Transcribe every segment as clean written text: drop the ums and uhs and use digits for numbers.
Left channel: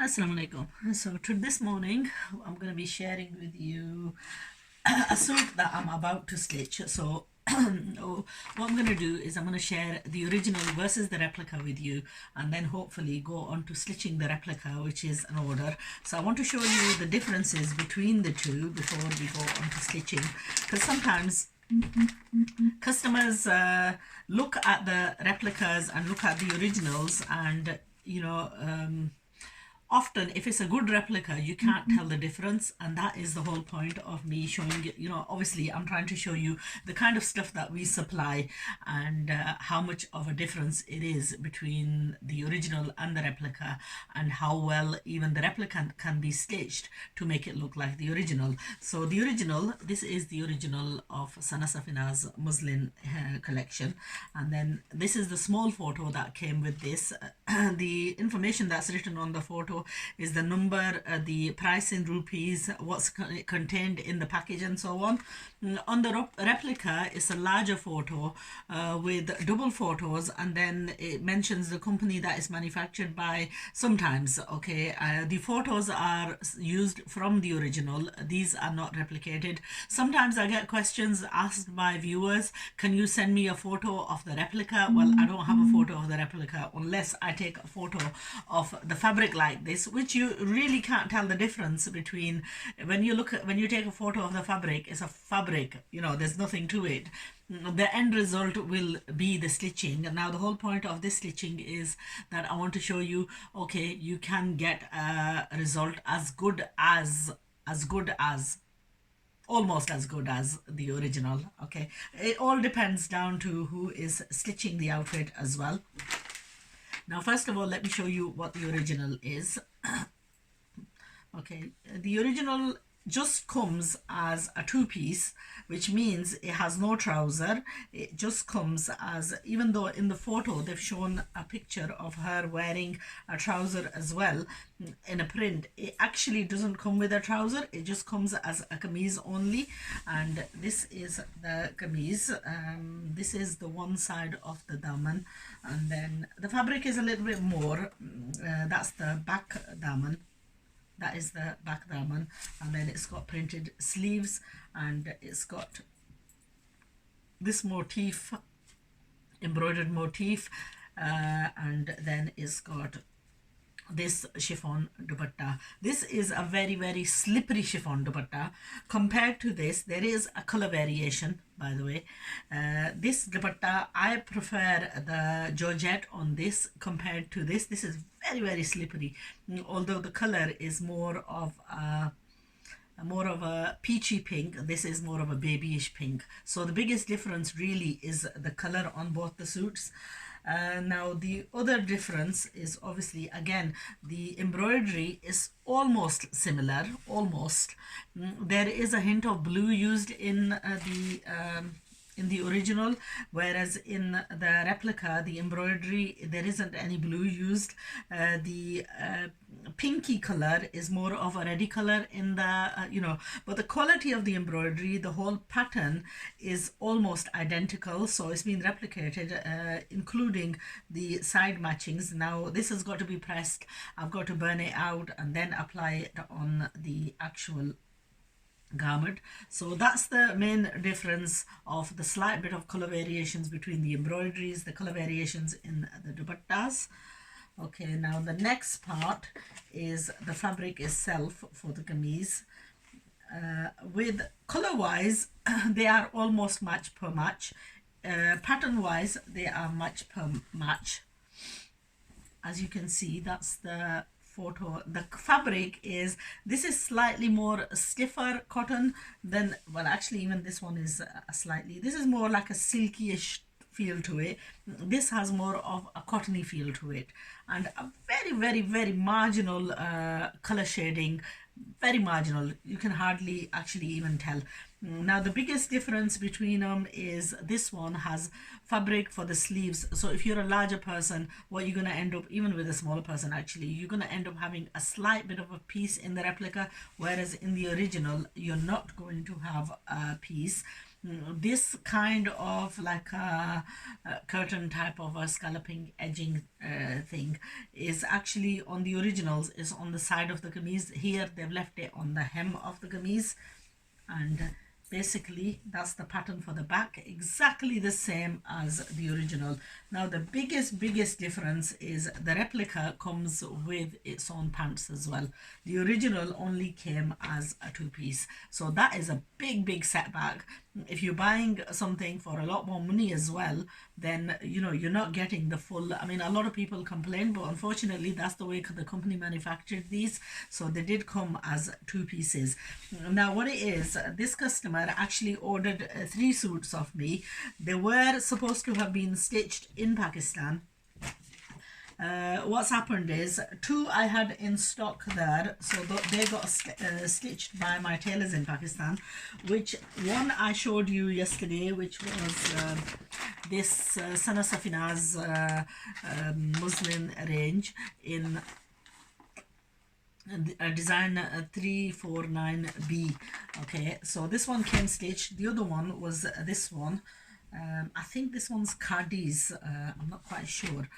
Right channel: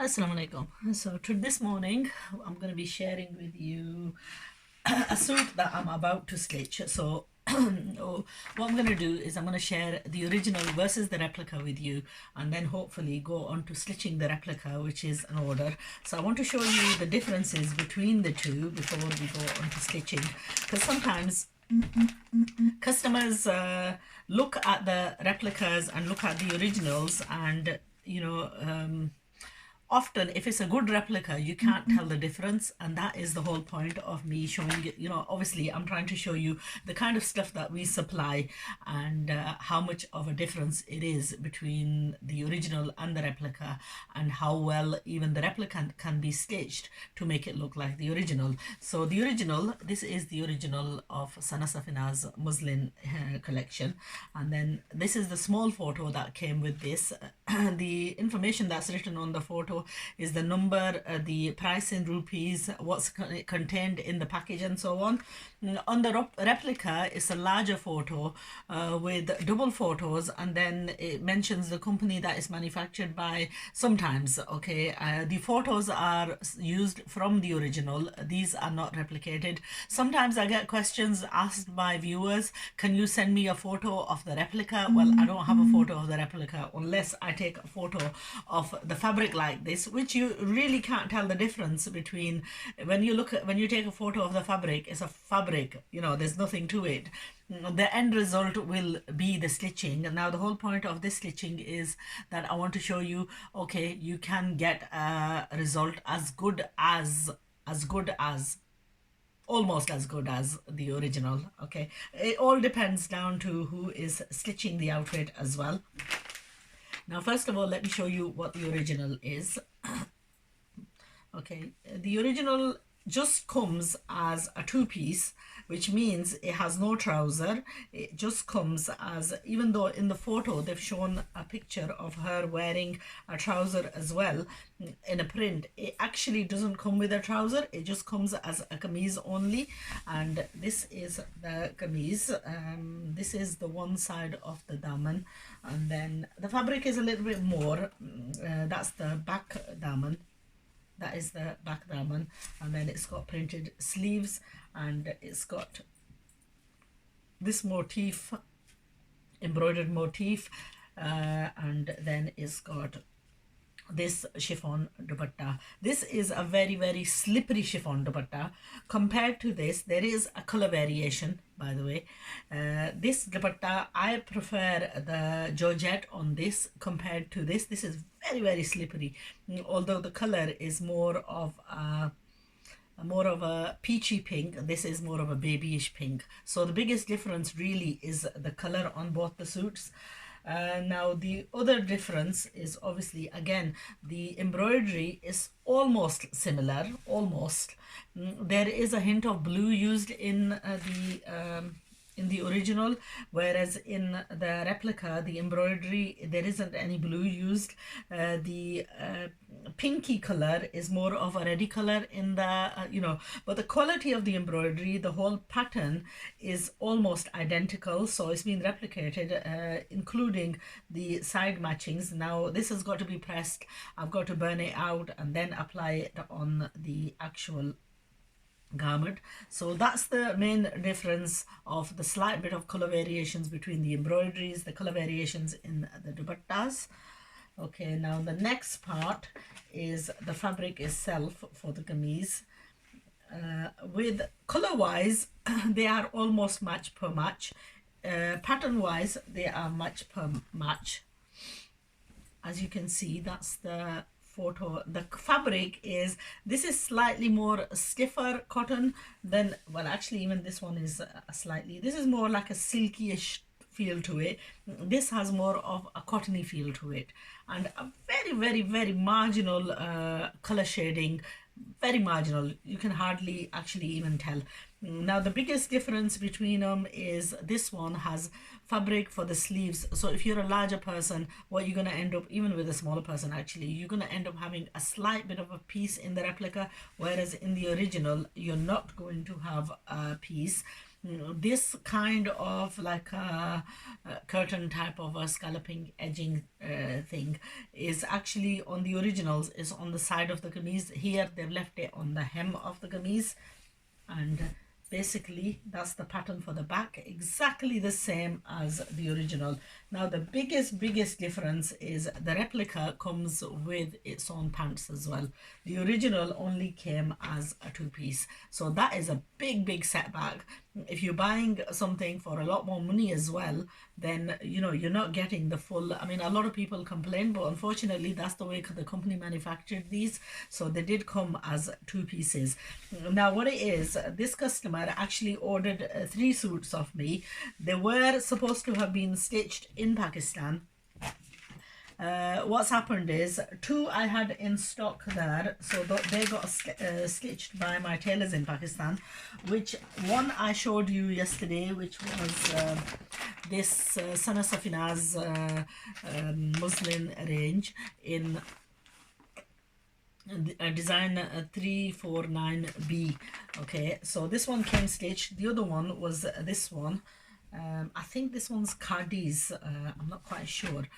Assalamu alaikum. So this morning I'm going to be sharing with you a suit that I'm about to stitch. So what I'm going to do is I'm going to share the original versus the replica with you, and then hopefully go on to stitching the replica, which is an order. So I want to show you the differences between the two before we go on to stitching, because sometimes customers look at the replicas and look at the originals, and often if it's a good replica you can't tell the difference, and that is the whole point of me showing it. Obviously I'm trying to show you the kind of stuff that we supply, and how much of a difference it is between the original and the replica, and how well even the replica can be stitched to make it look like the original. So the original, this is the original of safinaz muslin collection, and then this is the small photo that came with this. The information that's written on the photo is the number, the price in rupees, what's contained in the package, and so on. On the replica, it's a larger photo with double photos, and then it mentions the company that is manufactured by. Sometimes, okay, the photos are used from the original, these are not replicated. Sometimes I get questions asked by viewers, can you send me a photo of the replica? Well, I don't have a photo of the replica unless I take a photo of the fabric like this, which you really can't tell the difference between. When you take a photo of the fabric, it's a fabric, there's nothing to it. The end result will be the stitching. And now the whole point of this stitching is that I want to show you, okay, you can get a result as good as almost as good as the original. Okay, it all depends down to who is stitching the outfit as well. Now first of all, let me show you what the original is. Okay, the original just comes as a two-piece, which means it has no trouser. It just comes as, even though in the photo they've shown a picture of her wearing a trouser as well in a print, it actually doesn't come with a trouser. It just comes as a kameez only, and this is the kameez. This is the one side of the daman, and then the fabric is a little bit more. That's the back daman. That is the back daman, and then it's got printed sleeves, and it's got this motif, embroidered motif, and then it's got this chiffon dupatta. This is a very, very slippery chiffon dupatta. Compared to this, there is a color variation, by the way. This dupatta, I prefer the georgette on this compared to this. This is very, very slippery, although the color is more of a peachy pink. This is more of a babyish pink. So the biggest difference really is the color on both the suits. Now the other difference is obviously, again, the embroidery is almost similar, almost. There is a hint of blue used in the original, whereas in the replica, the embroidery, there isn't any blue used. The pinky color is more of a reddy color in the but the quality of the embroidery, the whole pattern is almost identical, so it's been replicated, including the side matchings. Now this has got to be pressed. I've got to burn it out and then apply it on the actual garment. So that's the main difference, of the slight bit of color variations between the embroideries, the color variations in the dupattas. Okay, now the next part is the fabric itself for the kameez. With color wise they are almost match per match. Pattern wise they are match per match. As you can see, that's the photo. The fabric is, this is slightly more stiffer cotton than, well, actually even this one is slightly, this is more like a silky-ish feel to it. This has more of a cottony feel to it, and a very, very, very marginal color shading, very marginal. You can hardly actually even tell. Now the biggest difference between them is this one has fabric for the sleeves. So if you're a larger person, what you're going to end up, even with a smaller person actually, you're going to end up having a slight bit of a piece in the replica, whereas in the original you're not going to have a piece. This kind of like a curtain type of a scalloping edging thing is actually on the originals is on the side of the kameez. Here they've left it on the hem of the kameez, and basically that's the pattern for the back, exactly the same as the original. Now the biggest difference is the replica comes with its own pants as well. The original only came as a two-piece, so that is a big setback. If you're buying something for a lot more money as well, then you know you're not getting the full. I mean, a lot of people complain, but unfortunately that's the way the company manufactured these, so they did come as two pieces. Now what it is, this customer actually ordered 3 suits of me. They were supposed to have been stitched in Pakistan. What's happened is 2 I had in stock there, so they got stitched by my tailors in Pakistan, which one I showed you yesterday, which was this safinaz muslin range in design 349B. Okay, so this one came stitched. The other one was this one. I think this one's Khadi's, I'm not quite sure,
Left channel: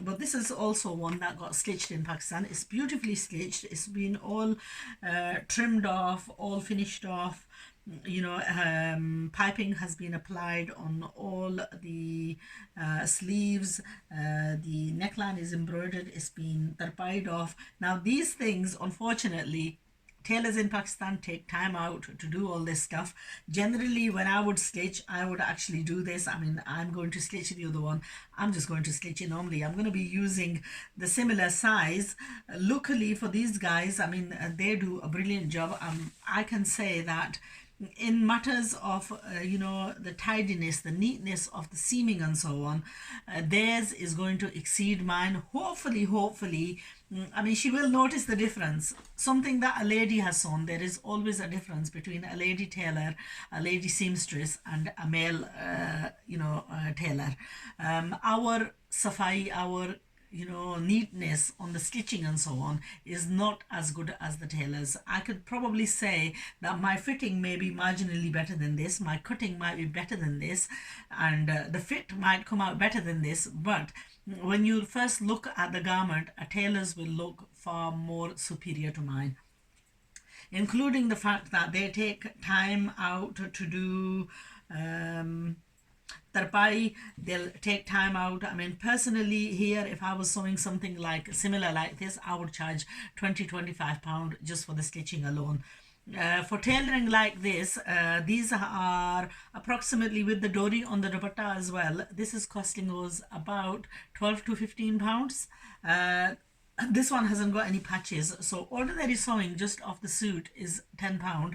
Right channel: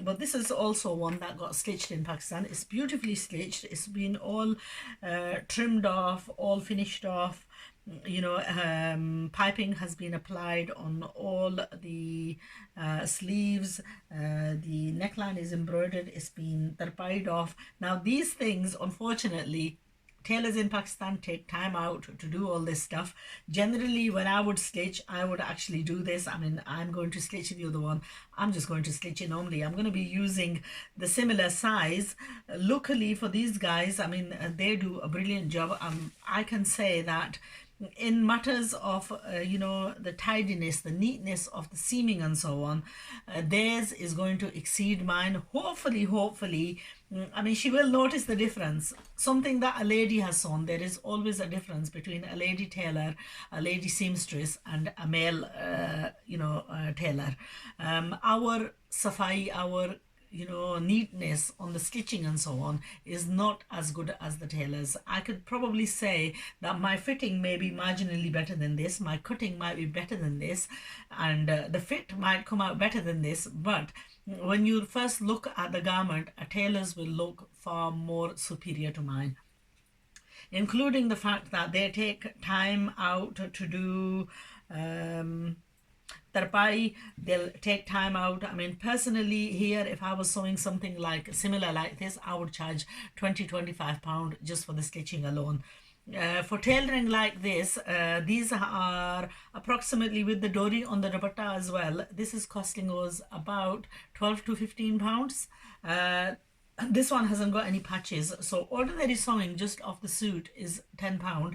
but this is also one that got stitched in Pakistan. It's beautifully stitched. It's been all trimmed off, all finished off. You know, piping has been applied on all the sleeves. The neckline is embroidered. It's been tarpaied off. Now these things, unfortunately, tailors in Pakistan take time out to do all this stuff. Generally, when I would stitch, I would actually do this. I mean, I'm going to stitch the other one. I'm just going to stitch it normally. I'm going to be using the similar size. Luckily for these guys, I mean, they do a brilliant job. I can say that in matters of you know, the tidiness, the neatness of the seaming and so on, theirs is going to exceed mine. Hopefully. I mean, she will notice the difference. Something that a lady has sewn, there is always a difference between a lady tailor, a lady seamstress, and a male tailor. Our safai, our neatness on the stitching and so on is not as good as the tailors. I could probably say that my fitting may be marginally better than this, my cutting might be better than this, and the fit might come out better than this, but when you first look at the garment, a tailor's will look far more superior to mine, including the fact that they take time out to do tarpai. They'll take time out. I mean, personally here, if I was sewing something like similar like this, I would charge 20-25 pound just for the stitching alone. For tailoring like this, these are approximately, with the dori on the dupatta as well, this is costing us about 12 to 15 pounds. This one hasn't got any patches, so ordinary sewing just off the suit is £10.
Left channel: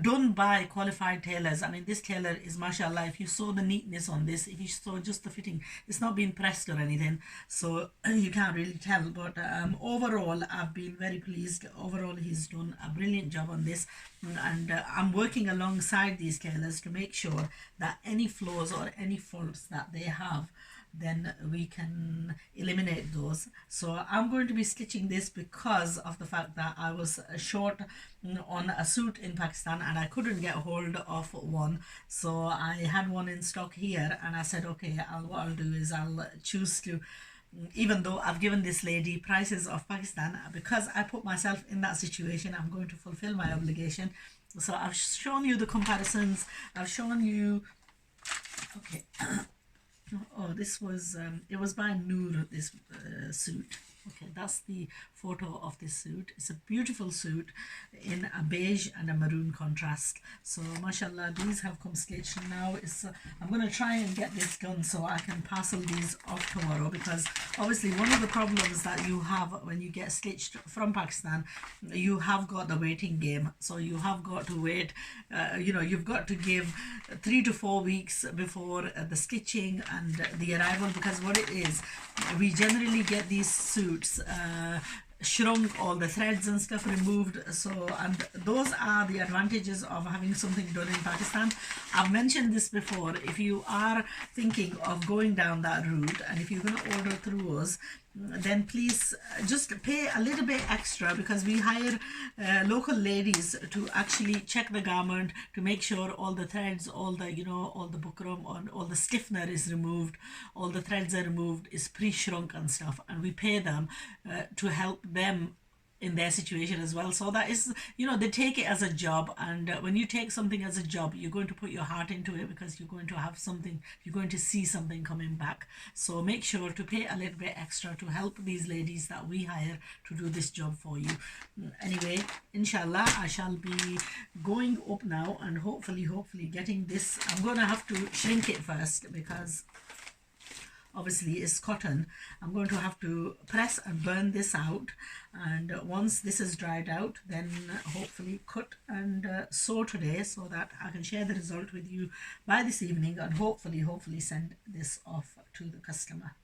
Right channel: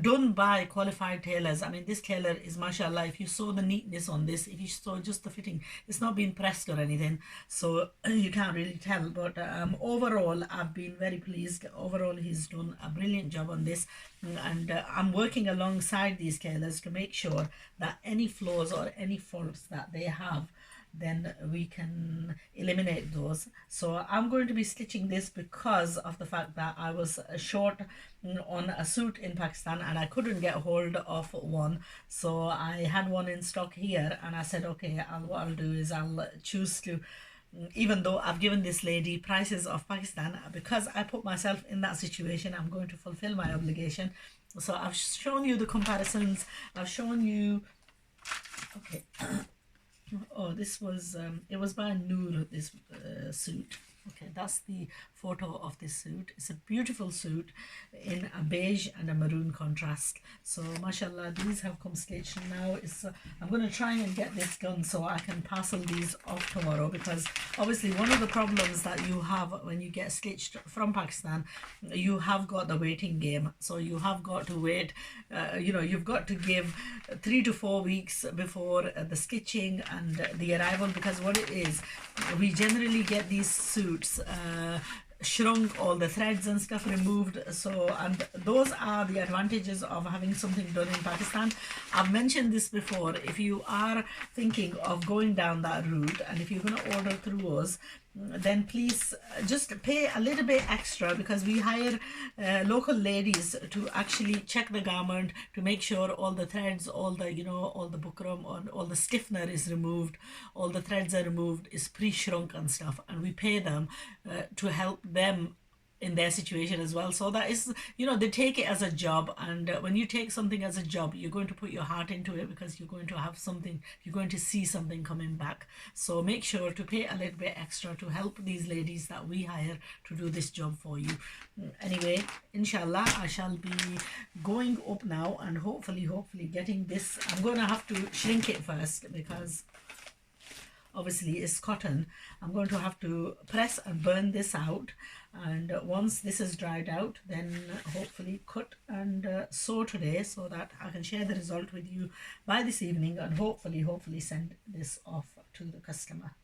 Don't buy qualified tailors. I mean, this tailor is mashallah. If you saw the neatness on this, if you saw just the fitting, it's not been pressed or anything, so you can't really tell. But overall, I've been very pleased. Overall, he's done a brilliant job on this, and I'm working alongside these tailors to make sure that any flaws or any faults that they have, then we can eliminate those. So I'm going to be stitching this because of the fact that I was short on a suit in Pakistan and I couldn't get hold of one, so I had one in stock here, and I said, okay, what I'll do is I'll choose to, even though I've given this lady prices of Pakistan, because I put myself in that situation, I'm going to fulfill my obligation. So I've shown you the comparisons, I've shown you, okay. Oh, this was it was by Noor, this suit. Okay, that's the photo of this suit. It's a beautiful suit in a beige and a maroon contrast. So mashallah, these have come stitched now. I'm going to try and get this done so I can parcel these off tomorrow, because obviously one of the problems that you have when you get stitched from Pakistan, you have got the waiting game. So you have got to wait, you've got to give 3 to 4 weeks before the stitching and the arrival, because what it is, we generally get these suits shrunk, all the threads and stuff removed. So, and those are the advantages of having something done in Pakistan. I've mentioned this before. If you are thinking of going down that route, and if you're going to order through us, then please just pay a little bit extra, because we hire local ladies to actually check the garment to make sure all the threads, all the, you know, all the bukram, all the stiffener is removed, all the threads are removed, is pre-shrunk and stuff, and we pay them to help them in their situation as well. So that is, you know, they take it as a job, and when you take something as a job, you're going to put your heart into it, because you're going to have something, you're going to see something coming back. So make sure to pay a little bit extra to help these ladies that we hire to do this job for you. Anyway, inshallah, I shall be going up now and hopefully getting this. I'm going to have to shrink it first, because obviously it's cotton. I'm going to have to press and burn this out, and once this is dried out, then hopefully cut and sew today, so that I can share the result with you by this evening, and hopefully send this off to the customer.